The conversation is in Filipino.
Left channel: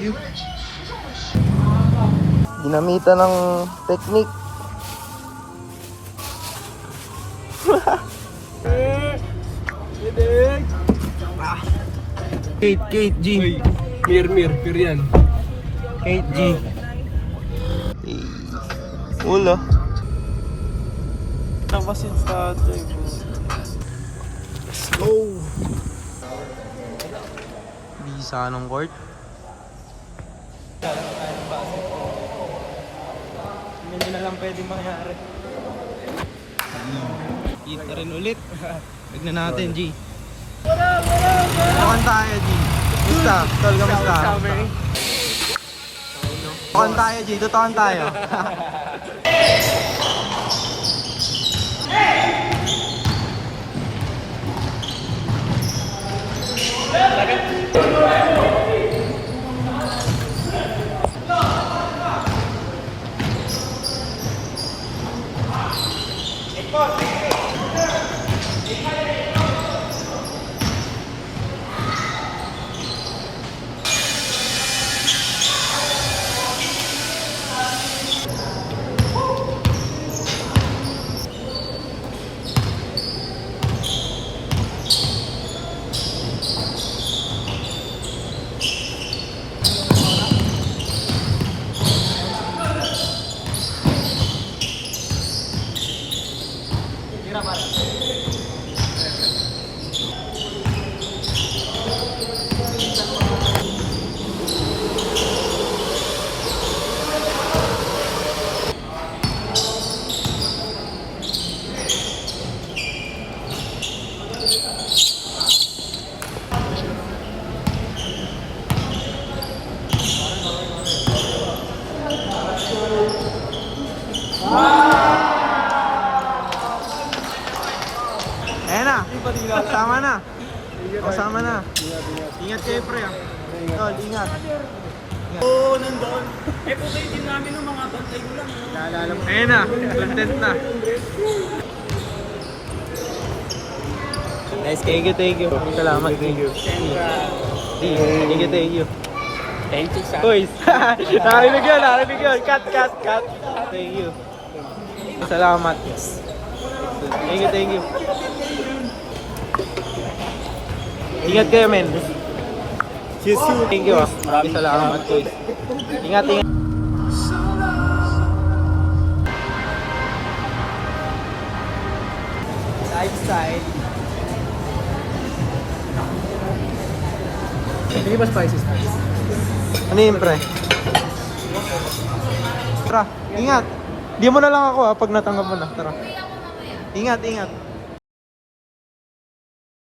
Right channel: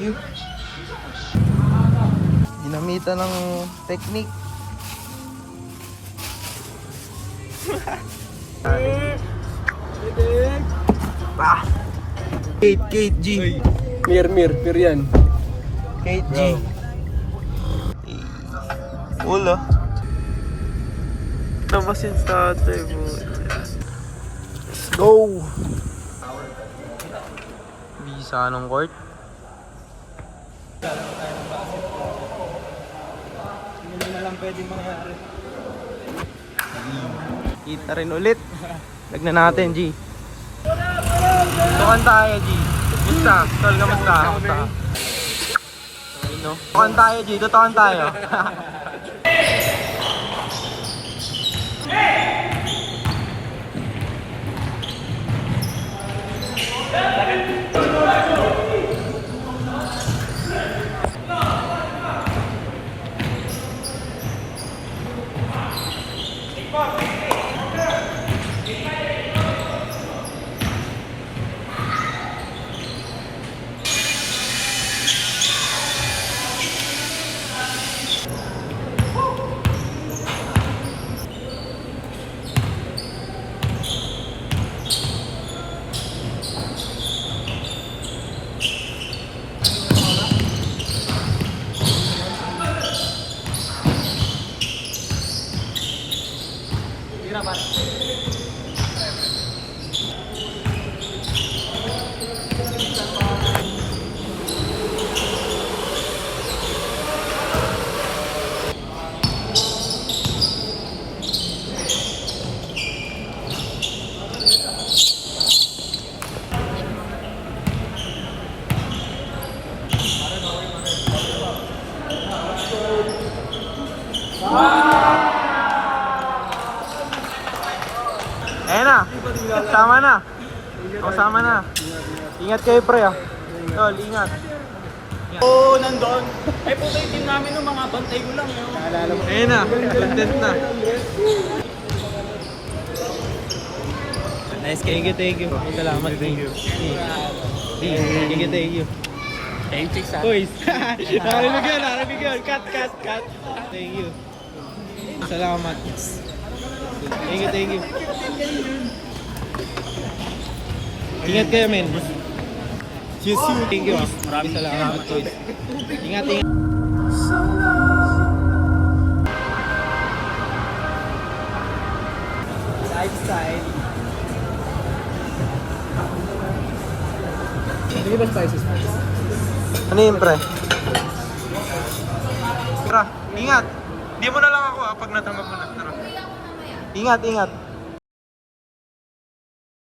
you. Ginamitan ng technique. Kate G. Mir yan. Kate G. Wala. Tabasin sa ate mo. Let's go! Bisa ng court. Kala tayo ng basketball. Hindi na lang pwedeng mangyari. Kita rin ulit. Lagnan natin, G. Tukan tayo, G. Musta? Tol, kamusta? Tukan tayo, G. Tutukan tayo. Ayan na. Sama na. Sama na. Ingat kayo, pre, ah. Tol, ingat. Oo, nandun. Eh, puto yung team namin ng mga bantay ko lang. Ayan na. Content na. Nice, thank you. Salamat, thank you. Thank you. Thank you, sir. Toys. Narinig yun. Cut. Thank you. Salamat. Yes. Thank you. Ingat kayo, men. Yes, you. Thank you. Maraming salamat, Toys. Ingat. Lifestyle. Hindi ba spicy? Ano yun, pre? Tara, ingat. Di mo na lang ako, pag natanggap mo na. Tara. Ingat.